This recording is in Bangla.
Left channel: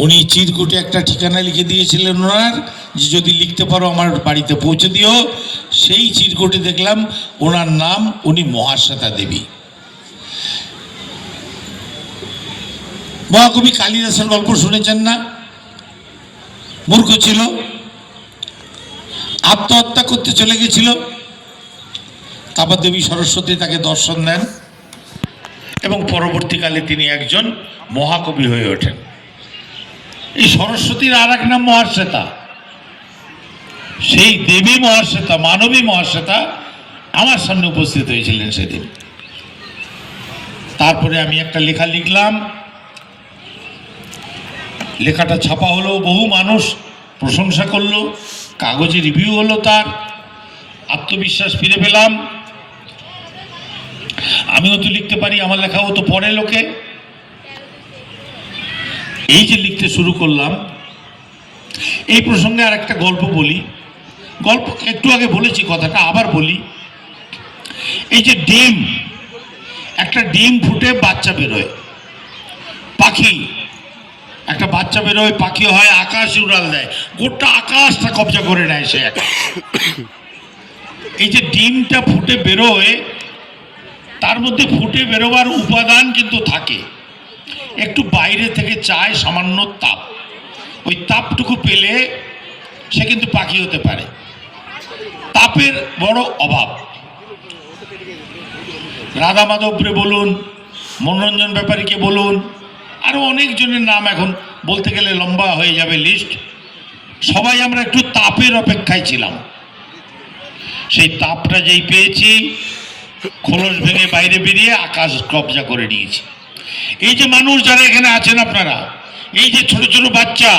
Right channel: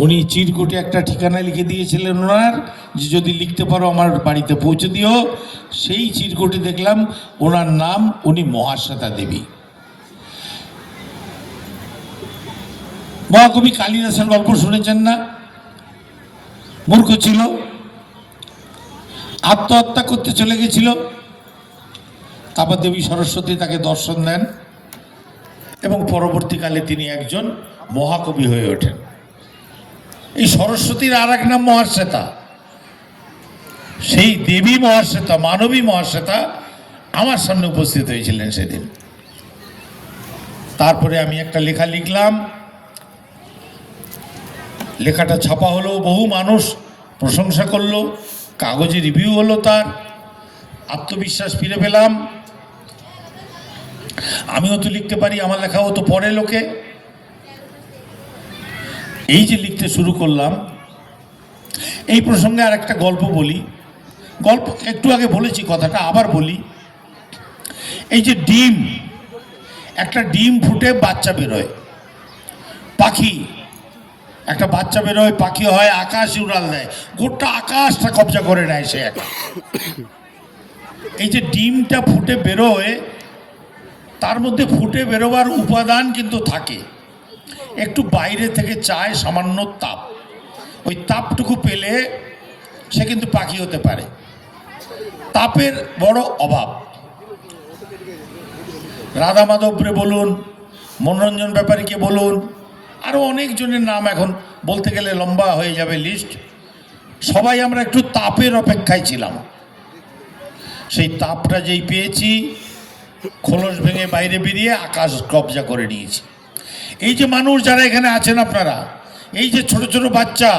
উনি চিরকুটে একটা ঠিকানা লিখে দিয়েছিলেন ওনার, যে যদি লিখতে পারো আমার বাড়িতে পৌঁছে দিও। সেই চিরকুটে দেখলাম ওনার নাম উনি মহাশ্বেতা দেবী। মহাকবি কালিদাসের গল্প শুনেছেন না? মূর্খ ছিল। আত্মহত্যা করতে চলে গেছিল। তারপর দেবী সরস্বতী তাকে দর্শন দেন এবং পরবর্তীকালে তিনি একজন মহাকবি হয়ে ওঠেন। সরস্বতীর আর এক নাম মহাশ্বেতা। সেই দেবী মহাশ্বেতা, মানবী মহাশ্বেতা আমার সামনে উপস্থিত হয়েছিলেন সেদিন। তারপরে আমি একটা লেখা লিখলাম। লেখাটা ছাপা হলো, বহু মানুষ প্রশংসা করল, কাগজে রিভিউ হলো তার। আত্মবিশ্বাস ফিরে পেলাম। আমিও তো লিখতে পারি, আমার লেখাও তো পড়ে লোকে। এই যে লিখতে শুরু করলাম, এই প্রসঙ্গে আর একটা গল্প বলি। গল্প একটু আগে বলেছি, কথাটা আবার বলি। এই যে ডিম, একটা ডিম ফুটে বাচ্চা বেরোয়। পাখি, একটা বাচ্চা বেরোয়, পাখি হয় আকাশ উড়াল দেয়। গোটা আকাশটা কবজা করে নেয় সে। এই যে ডিমটা ফুটে বেরোয়, তার মধ্যে ফুটে বেরোবার উপাদান কিন্তু থাকে। একটু বাইরে থেকে চায় সামান্য তাপ। ওই তাপটুকু পেলে সে কিন্তু পাখি হতে পারে। তাপের বড় অভাব। রাধা মাধবরে বলুন, মনোরঞ্জন ব্যাপারীকে বলুন আরও অনেকজনের নাম এখন বলতে গেলে লম্বা হয়ে যাবে লিস্ট সবাই আমরা একটু তাপের অপেক্ষায় ছিলাম। সেই তাপটা যেই পেয়েছি, খোলস ভেঙে বাইরে বেরিয়ে আকাশ কবজা করে নিয়েছি। এই যে মানুষ যারা এখানে আছেন আপনারা এই যে ছোট ছোট বাচ্চা